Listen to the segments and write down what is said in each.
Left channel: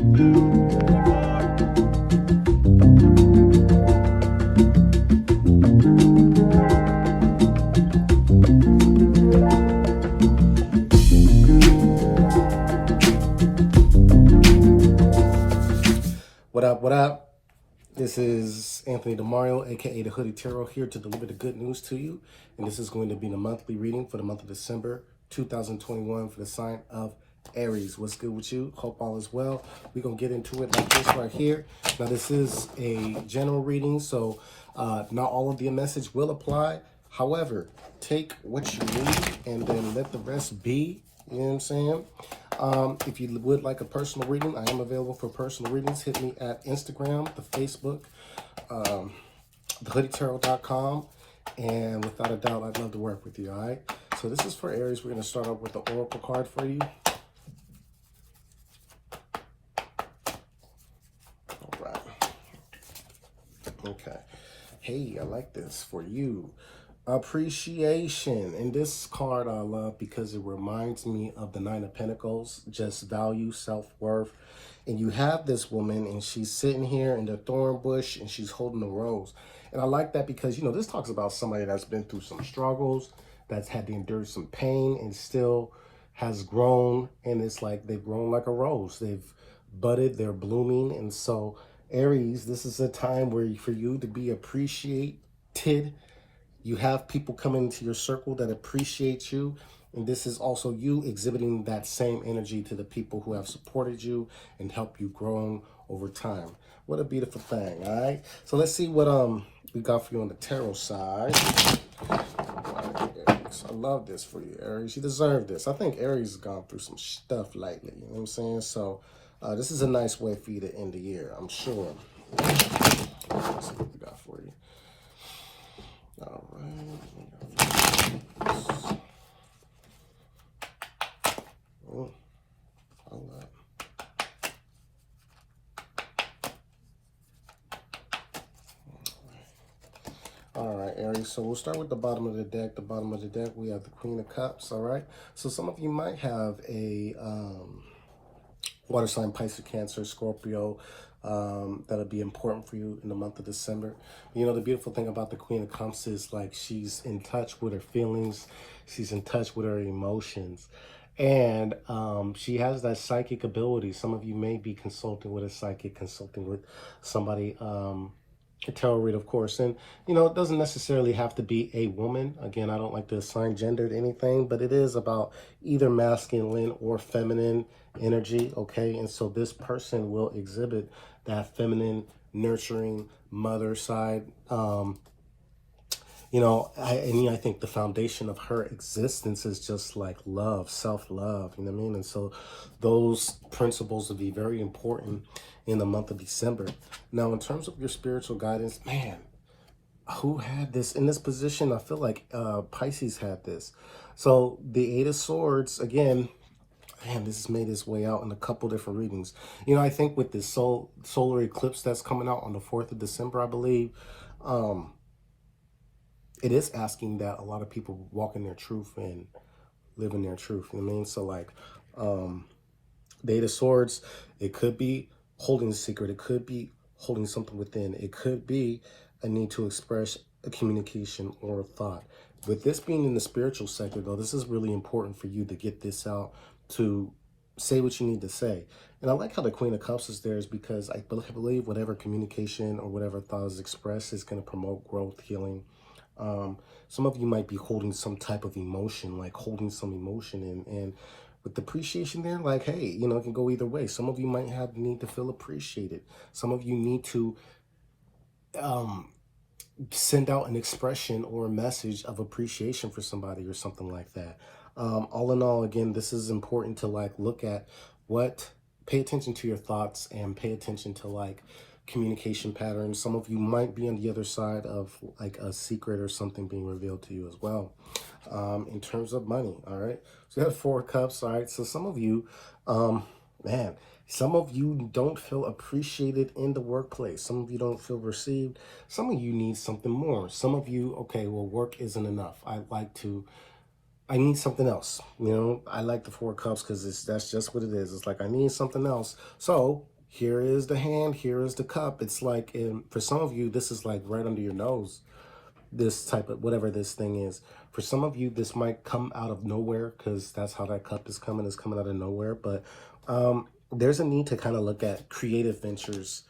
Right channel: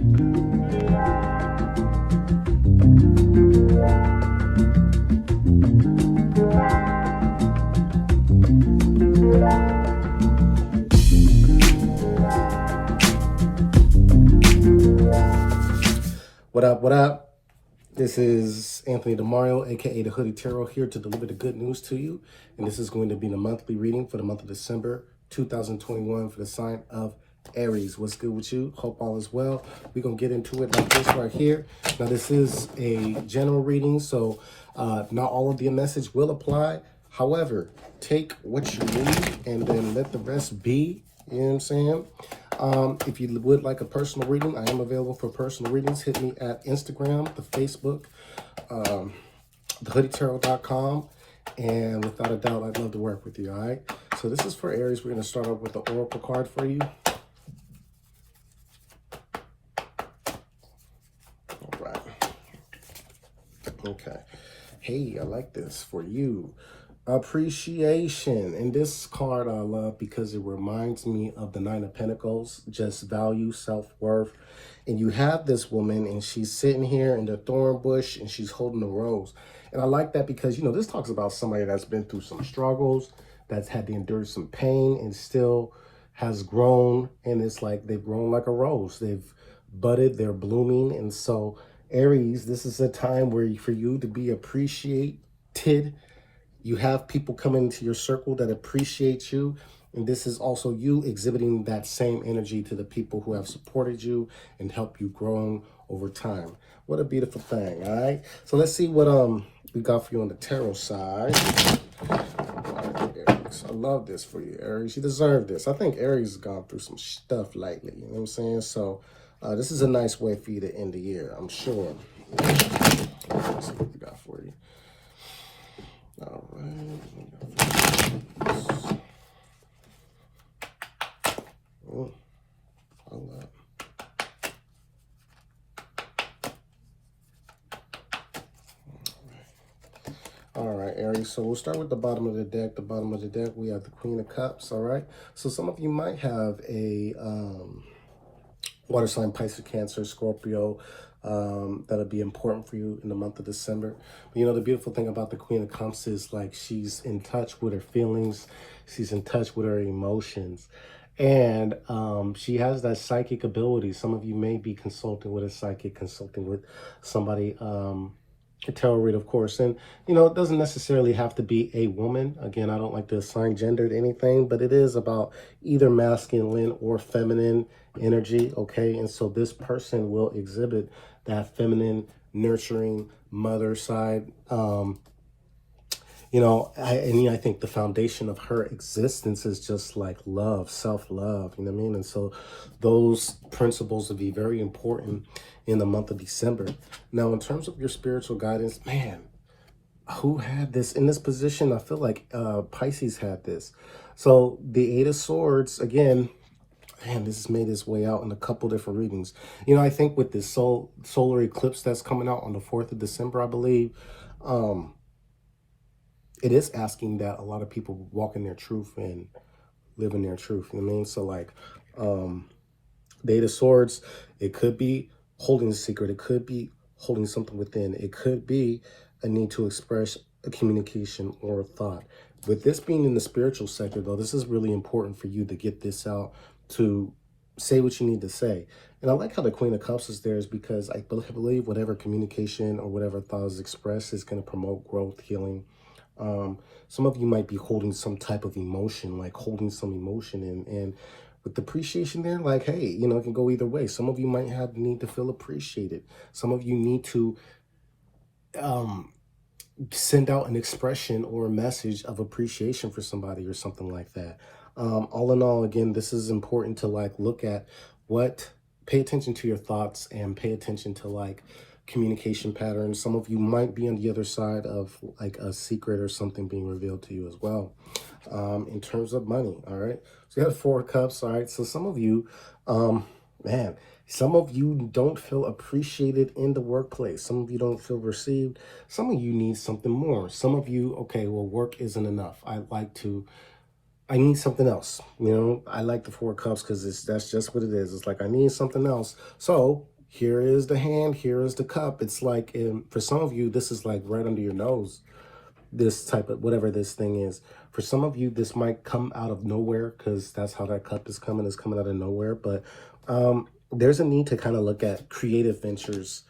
What up, what up? This is Anthony DeMario, aka the HoodyTarot, here to deliver the good news to you. And this is going to be the monthly reading for the month of December 2021 for the sign of Aries. What's good with you? Hope all is well. We're going to get into it like this right here. Now, this is a general reading, so not all of the message will apply. However, take what you need and then let the rest be. You know what I'm saying? If you would like a personal reading, I am available for personal readings. Hit me at Instagram, the Facebook, thehoodytarot.com. And without a doubt, I'd love to work with you, all right? So this is for Aries. We're going to start off with the Oracle card for you. All right. Okay. Hey, I like this for you. Appreciation. And this card I love because it reminds me of the Nine of Pentacles, just value, self-worth. And you have this woman and she's sitting here in the thorn bush and she's holding a rose. And I like that because, you know, this talks about somebody that's been through some struggles, that's had to endure some pain and still has grown. And it's like they've grown like a rose. They've budded, they're blooming. And so Aries, this is a time where for you to be appreciated. You have people coming into your circle that appreciate you. And this is also you exhibiting that same energy to the people who have supported you and helped you grow over time. What a beautiful thing, all right? So let's see what we got for you on the tarot side. Aries. I love this for you, Aries. You deserve this. I think Aries has gone through some stuff lately. You know what I'm saying? So this is a nice way for you to end the year, I'm sure. Let's see what we got for you. All right. Oh, hold up. All right, Aries. So we'll start with the bottom of the deck. The bottom of the deck, we have the Queen of Cups. All right. So some of you might have a water sign, Pisces, Cancer, Scorpio. That'll be important for you in the month of December. But you know, the beautiful thing about the Queen of Cups is like she's in touch with her feelings. She's in touch with her emotions. And she has that psychic ability. Some of you may be consulting with a psychic, consulting with somebody, a tarot reader, of course. And, you know, it doesn't necessarily have to be a woman. Again, I don't like to assign gender to anything, but it is about either masculine or feminine energy, okay? And so this person will exhibit that feminine, nurturing mother side. You know, I think the foundation of her existence is just like love, self-love, you know what I mean? And so those principles will be very important in the month of December. Now, in terms of your spiritual guidance, man, who had this in this position? I feel like Pisces had this. So the Eight of Swords, again, man, this has made its way out in a couple different readings. You know, I think with this solar eclipse that's coming out on the 4th of December, I believe, it is asking that a lot of people walk in their truth and live in their truth. You know what I mean? So like the Eight of Swords, it could be holding a secret. It could be holding something within. It could be a need to express a communication or a thought. With this being in the spiritual sector, though, this is really important for you to get this out, to say what you need to say. And I like how the Queen of Cups is there is because I believe whatever communication or whatever thought is expressed is going to promote growth, healing. Some of you might be holding some type of emotion, like holding some emotion and with the appreciation there, like, hey, you know, it can go either way. Some of you might have the need to feel appreciated. Some of you need to send out an expression or a message of appreciation for somebody or something like that. All in all, again, this is important to like look at pay attention to your thoughts and pay attention to like communication patterns. Some of you might be on the other side of like a secret or something being revealed to you as well. In terms of money, all right? So you have 4 cups, all right? So some of you, man, some of you don't feel appreciated in the workplace. Some of you don't feel received. Some of you need something more. Some of you, okay, well, work isn't enough. I'd like to I need something else. You know, I like the Four of Cups because that's just what it is. It's like I need something else. So here is the hand, here is the cup. It's like for some of you, this is like right under your nose. This type of whatever this thing is. For some of you, this might come out of nowhere because that's how that cup is coming. It's coming out of nowhere. But there's a need to kind of look at creative ventures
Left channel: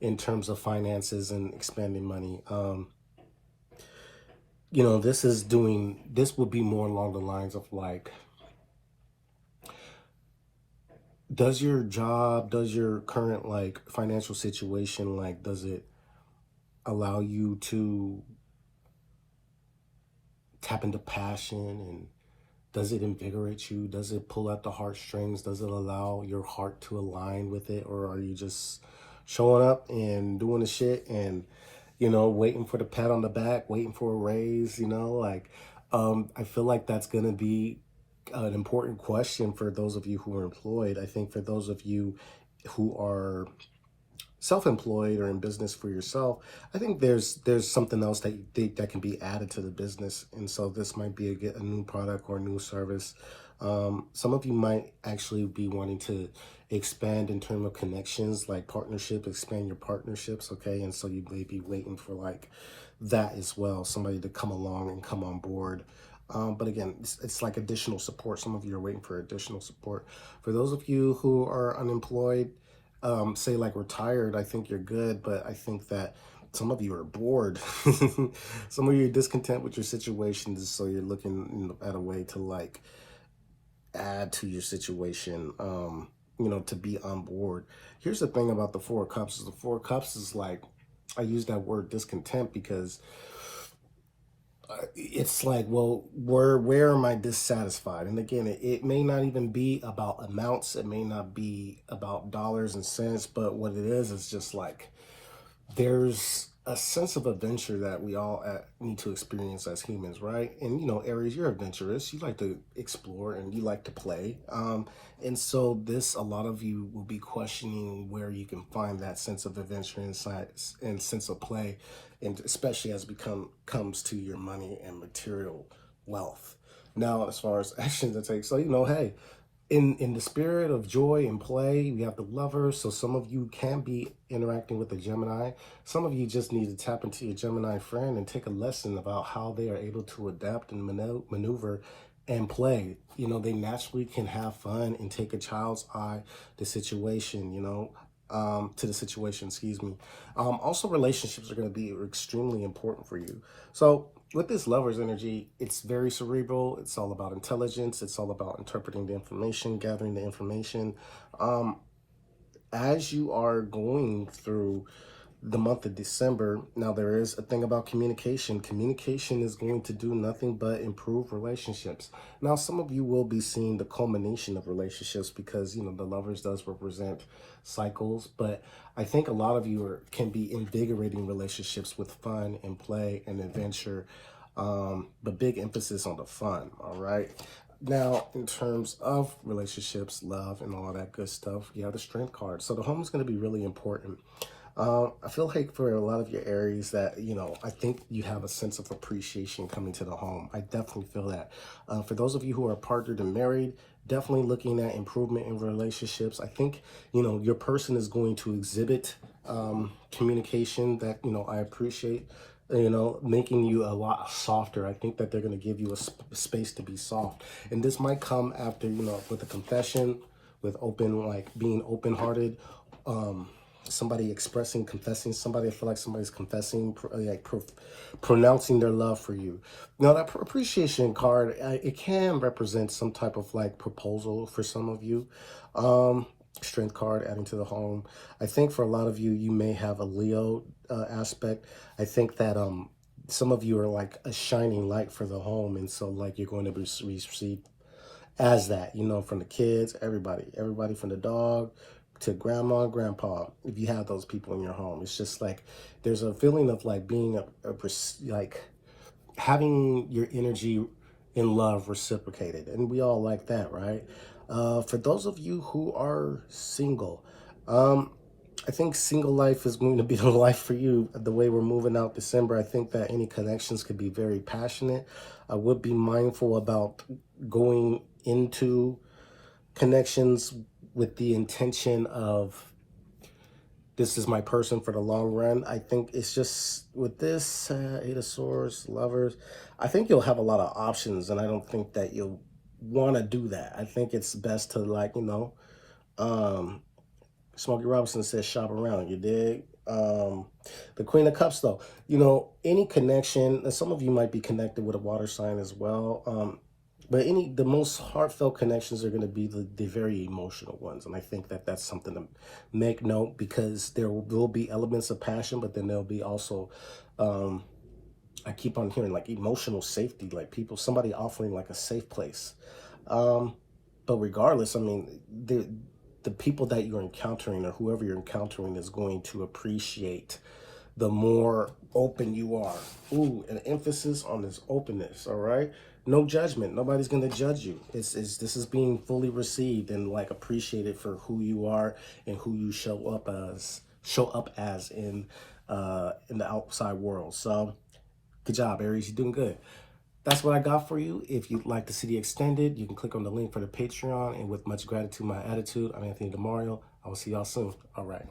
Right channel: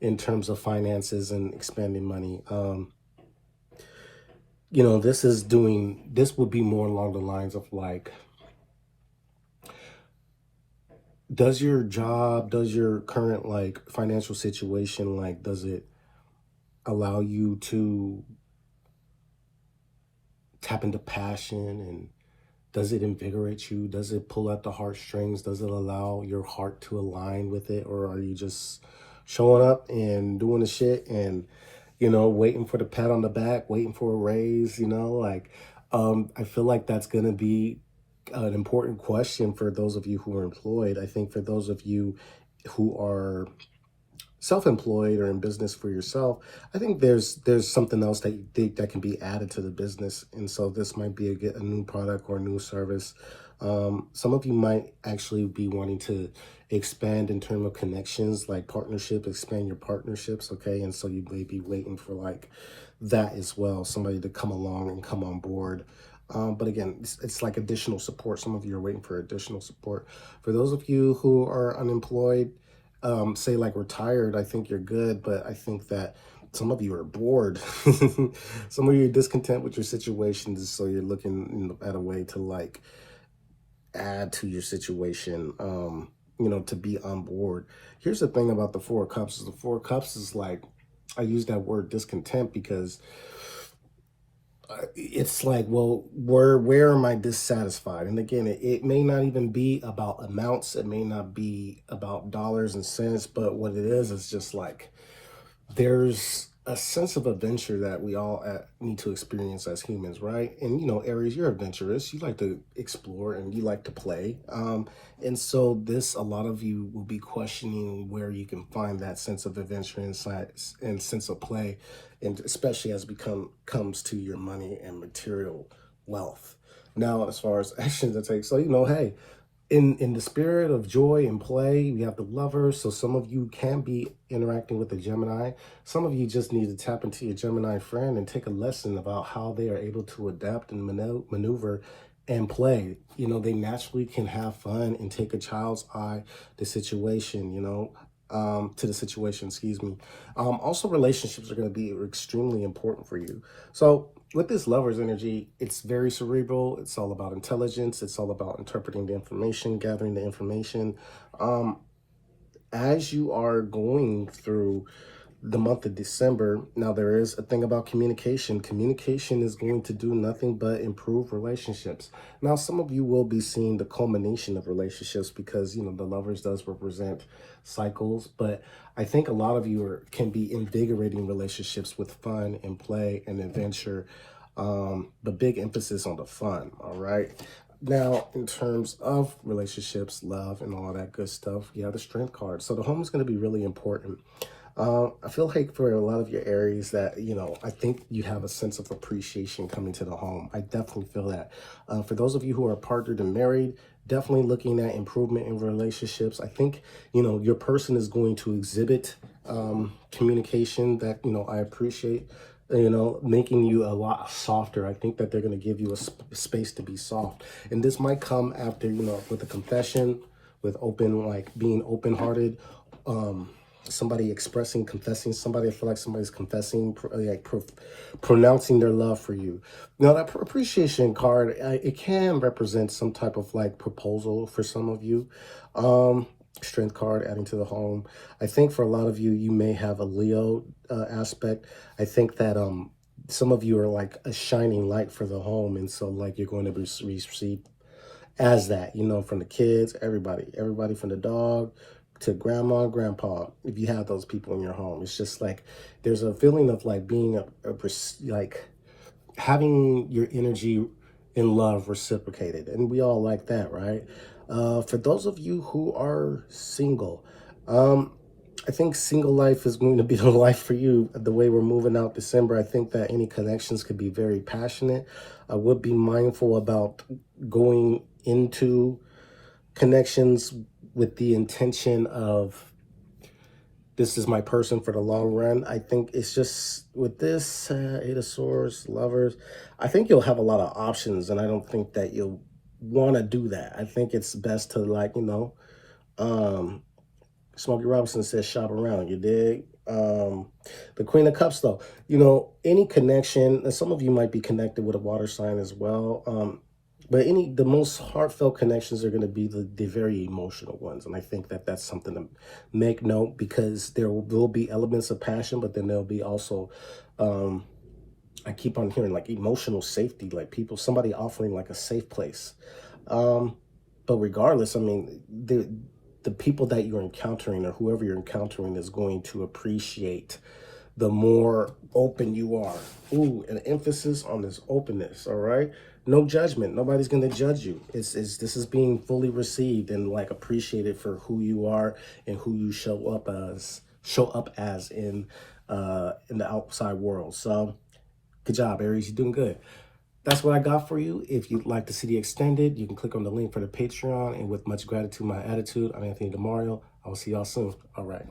in terms of finances and expanding money. You know, this will be more along the lines of like, does your job, does your current like financial situation, like, does it allow you to tap into passion, and does it invigorate you? Does it pull at the heartstrings? Does it allow your heart to align with it? Or are you just showing up and doing the shit and, you know, waiting for the pat on the back, waiting for a raise, you know? Like, I feel like that's going to be an important question for those of you who are employed. I think for those of you who are self-employed or in business for yourself, I think there's something else that you think that can be added to the business, and so this might be a new product or a new service. Some of you might actually be wanting to expand in terms of connections, like partnership, expand your partnerships, okay? And so you may be waiting for like that as well, somebody to come along and come on board. But again, it's like additional support. Some of you are waiting for additional support. For those of you who are unemployed, say like retired, I think you're good, but I think that some of you are bored. Some of you are discontent with your situation, so you're looking, you know, at a way to like add to your situation, you know, to be on board. Here's the thing about the Four of Cups is the Four of Cups is like, I use that word discontent because it's like, well, where am I dissatisfied? And again, it may not even be about amounts, it may not be about dollars and cents, but what it is just like there's a sense of adventure that we all need to experience as humans, right? And you know, Aries, you're adventurous. You like to explore and you like to play. And so this, a lot of you will be questioning where you can find that sense of adventure and sense of play, and especially as comes to your money and material wealth. Now, as far as actions to take, so you know, hey, in the spirit of joy and play, we have the Lovers. So some of you can be interacting with the Gemini. Some of you just need to tap into your Gemini friend and take a lesson about how they are able to adapt and maneuver and play. You know, they naturally can have fun and take a child's eye the situation, you know, to the situation, excuse me. Also, relationships are going to be extremely important for you. So with this Lover's energy, it's very cerebral. It's all about intelligence. It's all about interpreting the information, gathering the information. Um, as you are going through the month of December, now there is a thing about communication. Communication is going to do nothing but improve relationships. Now, some of you will be seeing the culmination of relationships because, you know, the Lovers does represent cycles, but I think a lot of you can be invigorating relationships with fun and play and adventure. The big emphasis on the fun, all right? Now, in terms of relationships, love, and all that good stuff, you have the Strength card. So the home is going to be really important. I feel like for a lot of your Aries that, you know, I think you have a sense of appreciation coming to the home. I definitely feel that. For those of you who are partnered and married, definitely looking at improvement in relationships. I think, you know, your person is going to exhibit communication that, you know, I appreciate, you know, making you a lot softer. I think that they're going to give you a space to be soft. And this might come after, you know, with a confession, with open, like being open-hearted, somebody expressing, confessing somebody. I feel like somebody's confessing, pronouncing their love for you. Now, that appreciation card, it can represent some type of like proposal for some of you. Strength card adding to the home. I think for a lot of you, you may have a Leo aspect. I think that some of you are like a shining light for the home, and so like you're going to be received as that, you know, from the kids, everybody from the dog to grandma and grandpa. If you have those people in your home, it's just like there's a feeling of like being like having your energy in love reciprocated, and we all like that, right? For those of you who are single, I think single life is going to be the life for you. The way we're moving out December, I think that any connections could be very passionate. I would be mindful about going into connections with the intention of, this is my person for the long run. I think it's just with this Eight of Swords, Lovers, I think you'll have a lot of options, and I don't think that you'll want to do that. I think it's best to, like, Smokey Robinson says shop around, you dig? The Queen of Cups, though, any connection, and some of you might be connected with a water sign as well. But the most heartfelt connections are going to be the very emotional ones. And I think that that's something to make note, because there will be elements of passion, but then there'll be also, I keep on hearing like emotional safety, like somebody offering like a safe place. But regardless, I mean, the people that you're encountering, or whoever you're encountering, is going to appreciate the more open you are. Ooh, an emphasis on this openness, all right? No judgment. Nobody's going to judge you. This is being fully received and like appreciated for who you are and who you show up as in the outside world. So good job, Aries. You're doing good. That's what I got for you. If you'd like to see the extended, you can click on the link for the Patreon. And with much gratitude, my attitude, I'm Anthony DeMario. I will see y'all soon. All right.